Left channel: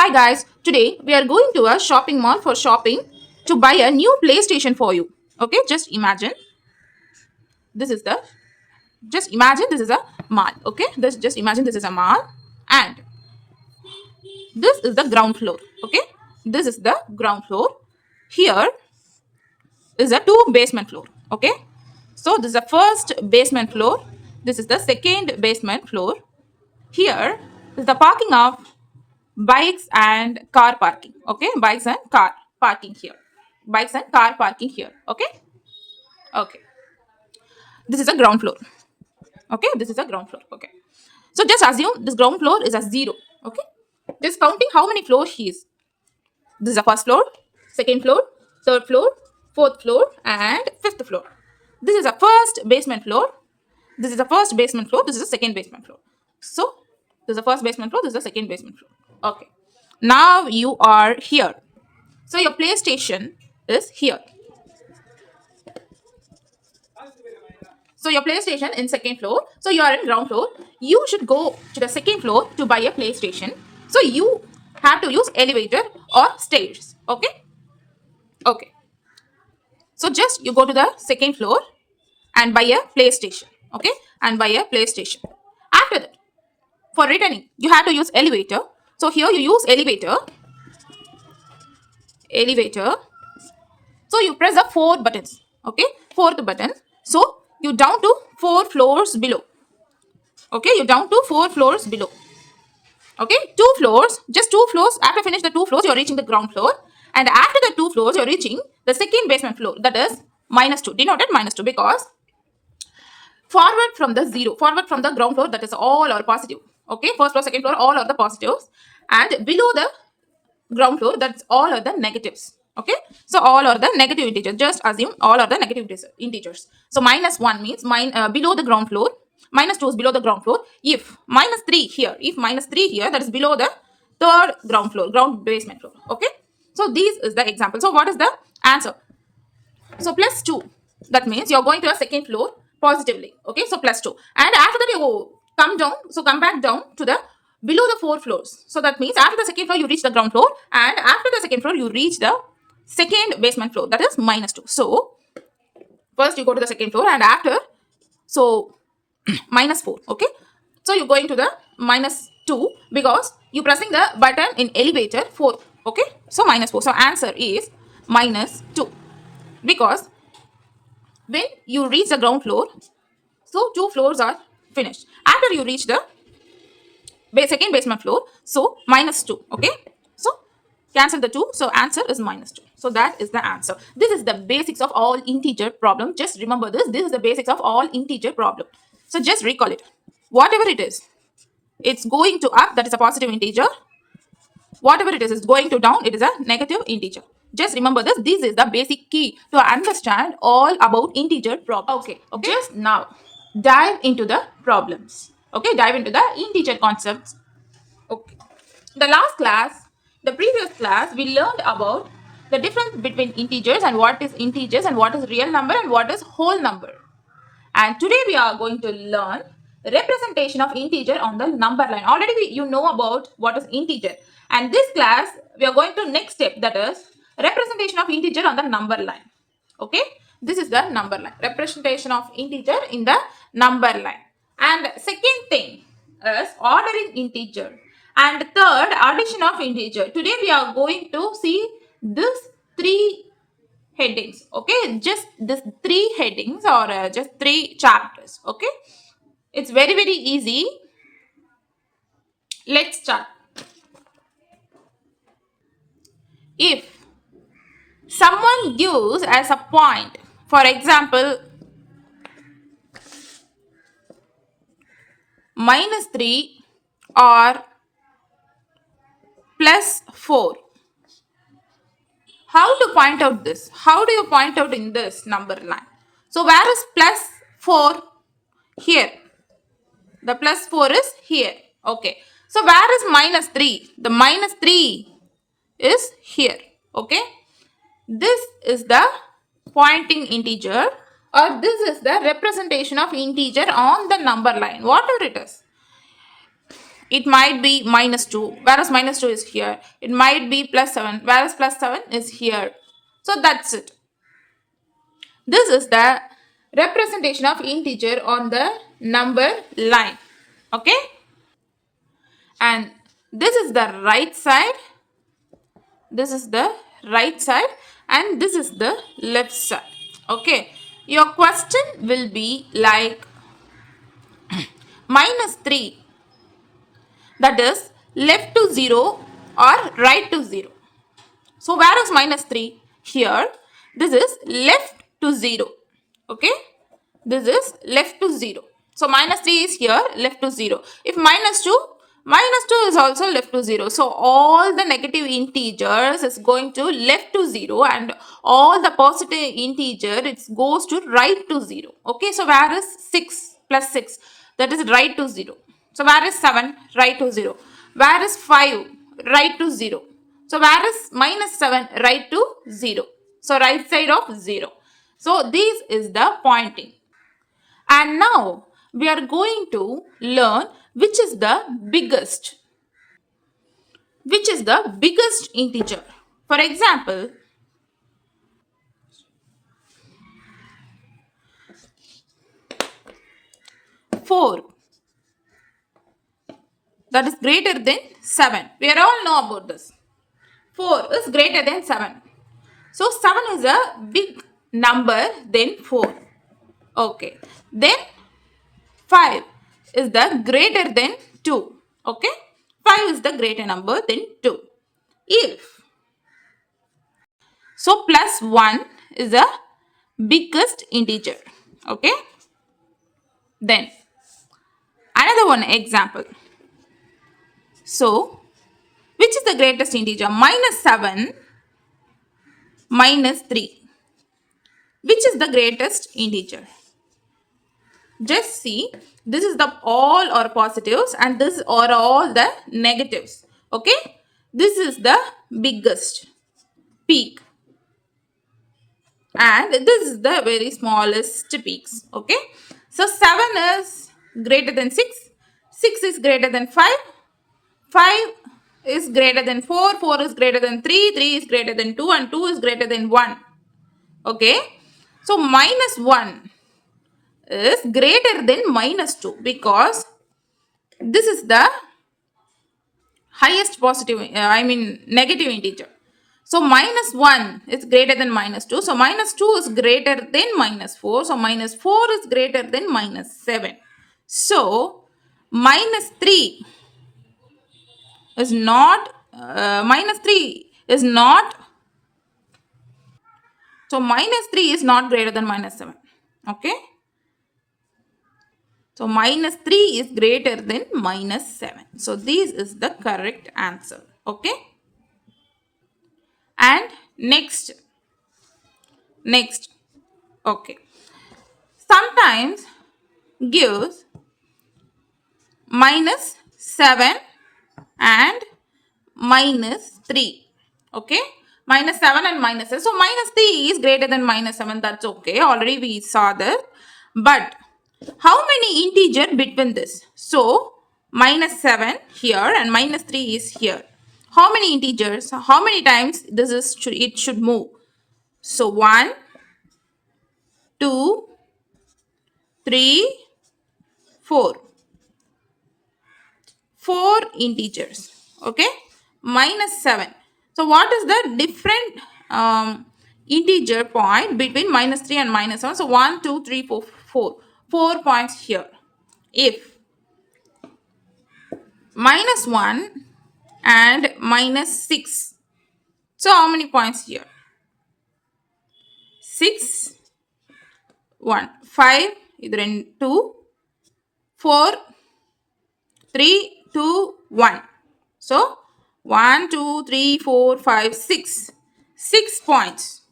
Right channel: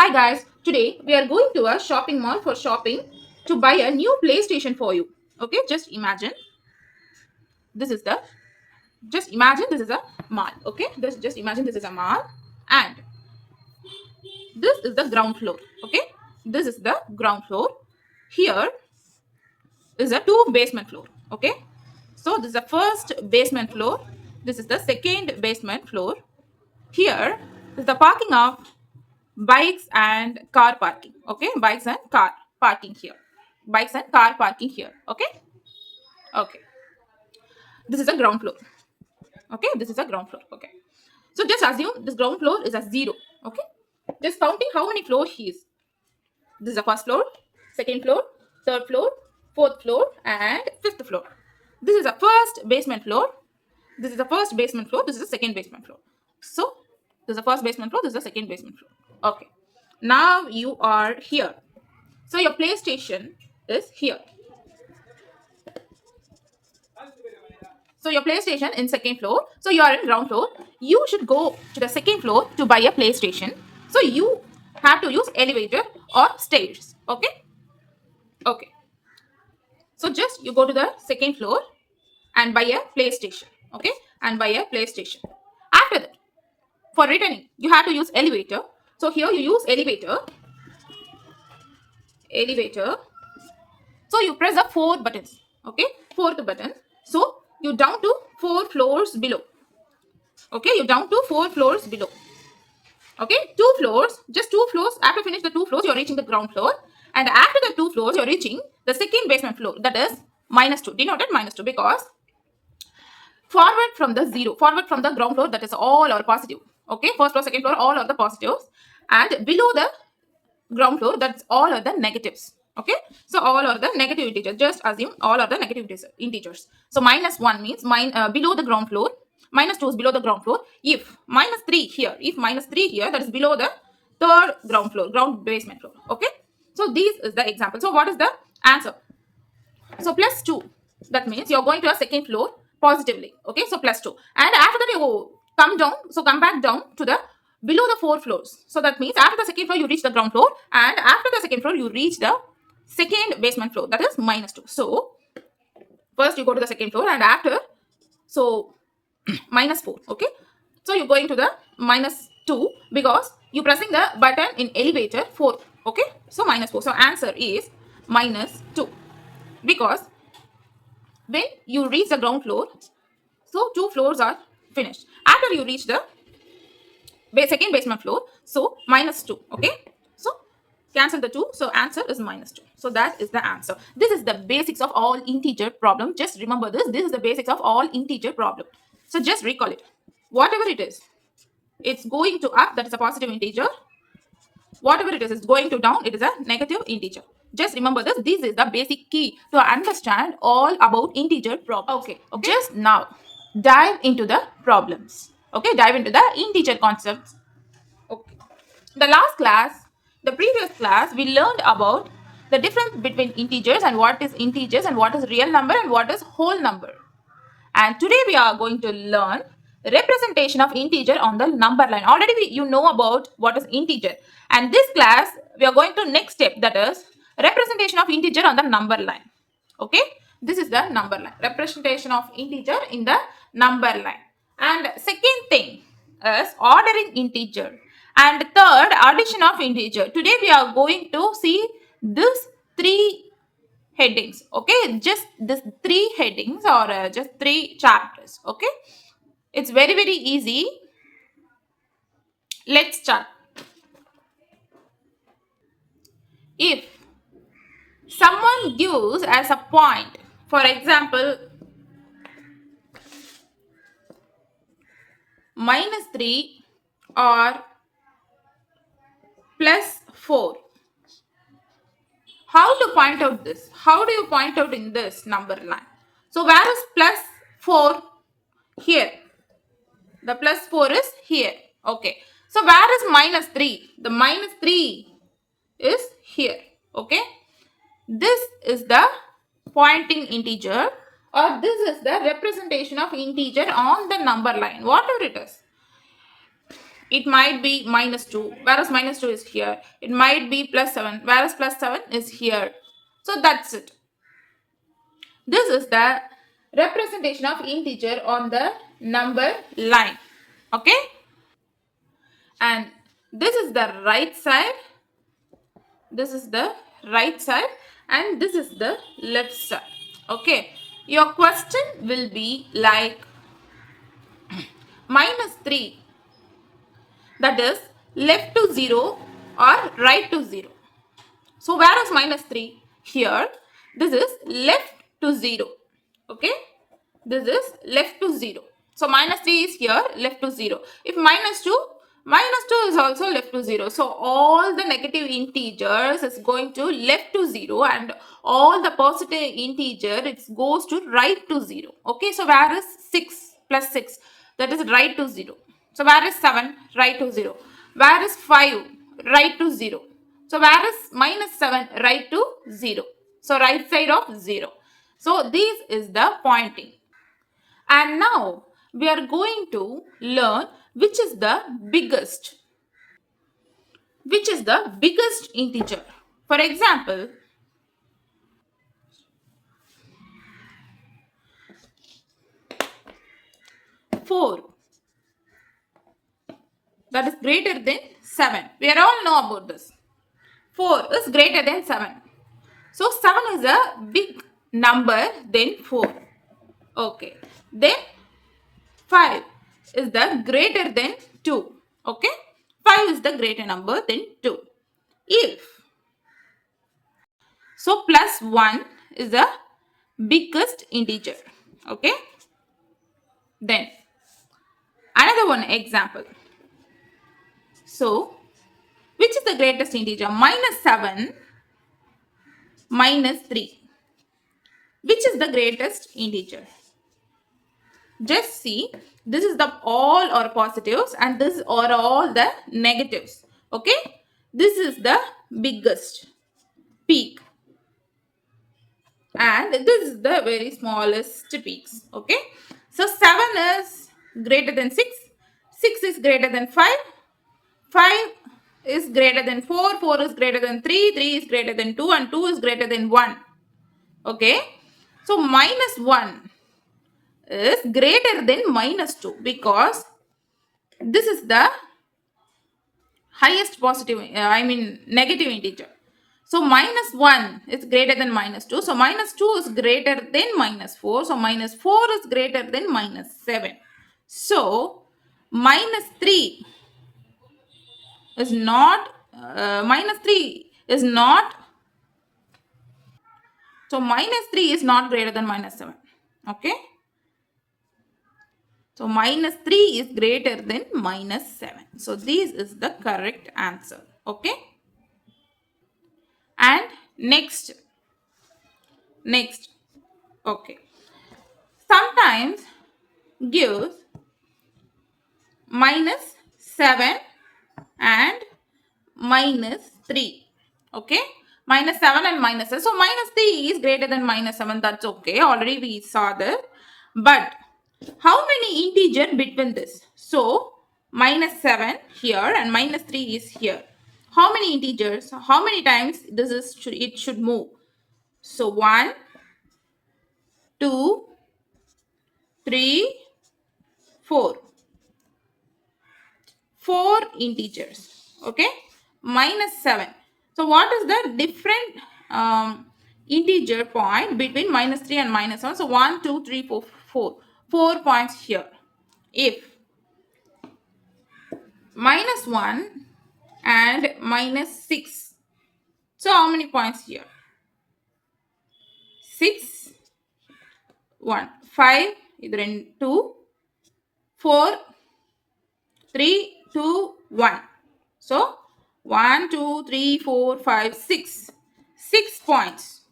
Hi guys, today we are going to a shopping mall for shopping to buy a new PlayStation for you. Okay, this is the just imagine this is a mall. Okay, this just imagine this is a mall and this is the ground floor. Okay, this is the ground floor. Here is a two basement floor. Okay, so this is the first basement floor. This is the second basement floor. Here is the parking of bikes and car parking. Okay, bikes and car parking here, bikes and car parking here. Okay, this is a ground floor. Okay, this is a ground floor. Okay, so just assume this ground floor is a zero. Okay, just counting how many floors she is. This is the first floor, second floor, third floor, fourth floor, and fifth floor. This is the first basement floor. This is the first basement floor. This is the second basement floor. So this is the first basement floor. This is the second basement floor. Okay, now you are here. So your PlayStation is here. So your PlayStation in second floor. So you are in ground floor. You should go to the second floor to buy a PlayStation. So you have to use elevator or stairs. Okay. Okay. So just you go to the second floor and buy a PlayStation. Okay. And buy a PlayStation. After that, for returning, you have to use elevator. So here you use elevator. Elevator. So you press the four buttons. Okay. Fourth button. So you down to four floors below. Okay, you're down to four floors below. Okay, two floors, just two floors. After finish the two floors, you're reaching the ground floor. And after the two floors, you're reaching the second basement floor. That is -2, denoted -2 because forward from the zero, forward from the ground floor, that is all are positive. Okay, first floor, second floor, all are the positives. And below the ground floor, that's all are the negatives. Okay, so all are the negative integers. Just assume all are the negative integers. So -1 means below the ground floor. -2 is below the ground floor. If -3 here, if -3 here, that is below the third ground floor, ground basement floor. Okay, so this is the example. So what is the answer? So +2. That means you're going to a second floor positively. Okay, so +2. And after that you come down. So come back down to the below the four floors. So that means after the second floor you reach the ground floor, and after the second floor you reach the second basement floor. That is -2. So first you go to the second floor, and after so -4. Okay, so you're going to the -2 because you're pressing the button in elevator 4. Okay, so -4. So answer is -2 because when you reach the ground floor, so two floors are finished. After you reach the second basement floor, so -2. Okay, so cancel the 2. So answer is -2. So that is the answer. This is the basics of all integer problem. Just remember this. This is the basics of all integer problem. So just recall it. Whatever it is, it's going to up, that is a positive integer. Whatever it is, it's going to down, it is a negative integer. Just remember this. This is the basic key to understand all about integer problem. Okay. Just now, dive into the problems. Okay, dive into the integer concepts. Okay. The previous class, we learned about the difference between integers and what is integers and what is real number and what is whole number. And today we are going to learn representation of integer on the number line. Already you know about what is integer. And this class, we are going to next step, that is representation of integer on the number line. Okay, this is the number line. Representation of integer in the number line. And second thing is ordering integer. And third, addition of integer. Today we are going to see this three headings. Okay, just this three headings or just three chapters. Okay, it's very easy. Let's start. If someone gives as a point, for example, -3 or +4, how to point out this? How do you point out in this number line? So where is +4? Here. The +4 is here. Okay. So where is -3? The -3 is here. Okay. This is the pointing integer, or this is the representation of integer on the number line. Whatever it is. it might be minus 2, whereas minus 2 is here. It might be plus 7, whereas plus 7 is here. So that's it. This is the representation of integer on the number line. Okay? And this is the right side. This is the right side and this is the left side. Okay? Your question will be like minus 3, that is left to 0 or right to 0. So where is minus 3? Here, this is left to 0. Okay? This is left to 0. So minus 3 is here, left to 0. If minus 2, minus 2 is also left to 0. So all the negative integers is going to left to 0 and all the positive integer, it goes to right to 0. Okay? So where is 6 plus 6? That is right to 0. So where is 7? Right to 0. Where is 5? Right to 0. So where is minus 7? Right to 0. So right side of 0. So this is the pointing. And now we are going to learn which is the biggest. Which is the biggest integer. For example, 4. That is greater than 7. We all know about this. 4 is greater than 7. So 7 is a big number than 4. Okay. Then 5 is the greater than 2. Okay. 5 is the greater number than 2. If so, plus 1 is the biggest integer. Okay. Then another one example. So, which is the greatest integer? Minus 7 minus 3. Which is the greatest integer? Just see, this is the all or positives and this are all the negatives. Okay. This is the biggest peak. And this is the very smallest peaks. Okay. So 7 is greater than 6. 6 is greater than 5. 5 is greater than 4. 4 is greater than 3. 3 is greater than 2. And 2 is greater than 1. Okay. So minus 1 is greater than minus 2 because this is the highest positive, negative integer. So minus 1 is greater than minus 2. So minus 2 is greater than minus 4. So minus 4 is greater than minus 7. So minus 3 is not, minus 3 is not, so minus 3 is not greater than minus 7. Okay. So minus 3 is greater than minus 7. So this is the correct answer. Okay. And next. Okay. Sometimes gives minus 7 and minus 3. Okay. Minus 7 and minus 7. So minus 3 is greater than minus 7. That's okay. Already we saw that. But how many integer between this? So minus 7 here and minus 3 is here. How many integers? How many times this is it should move? So 1, 2, 3, 4. 4 integers. Okay. Minus 7. So what is the different integer point between minus 3 and minus 7? So 1, 2, 3, 4, 4. 4 points here. If minus 1 and minus 6. So how many points here? 6, 1, 5, 2, 4, 3, 2, 1. So 1, 2, 3, 4, 5, 6. 6 points.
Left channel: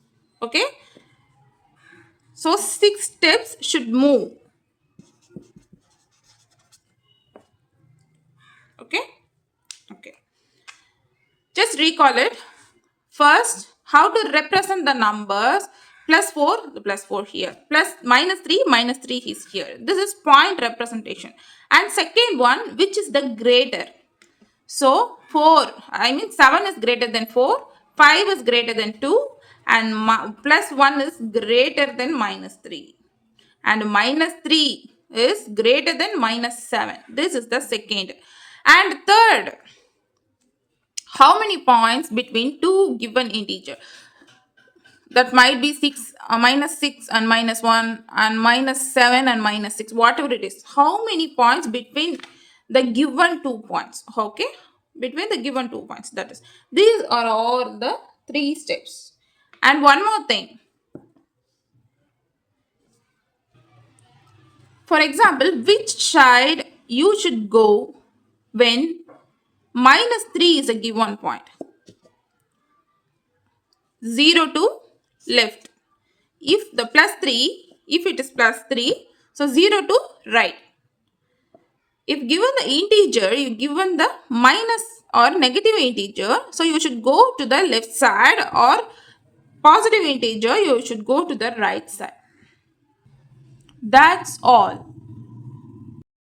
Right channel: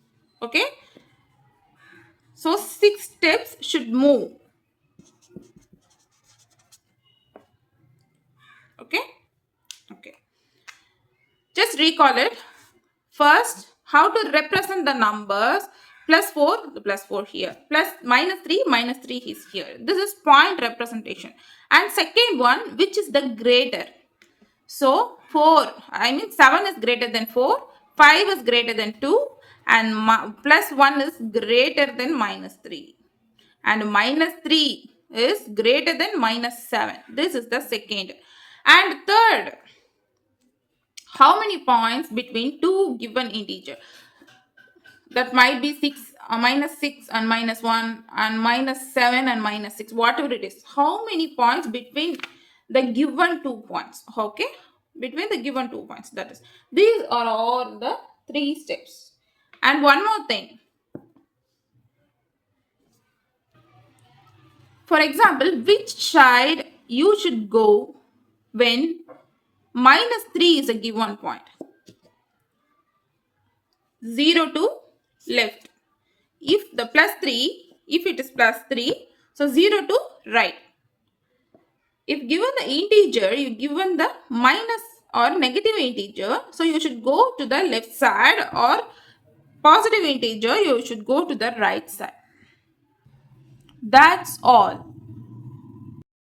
Okay. So 6 steps should move. Okay. Okay. Just recall it. First, how to represent the numbers. Plus 4, the plus 4 here. Plus minus 3 is here. This is point representation. And second one, which is the greater. So 7 is greater than 4, 5 is greater than 2, and plus 1 is greater than minus 3. And minus 3 is greater than minus 7. This is the second. And third, how many points between two given integer? That might be 6, minus 6 and minus 1 and minus 7 and minus 6, whatever it is. How many points between the given 2 points? Okay, between the given 2 points. That is, these are all the 3 steps. And one more thing. For example, which side you should go when minus 3 is a given point? 0 to left. If the plus 3, if it is plus 3, so 0 to right. If given the integer, you given the minus or negative integer, so you should go to the left side, or positive integer, you should go to the right side. That's all.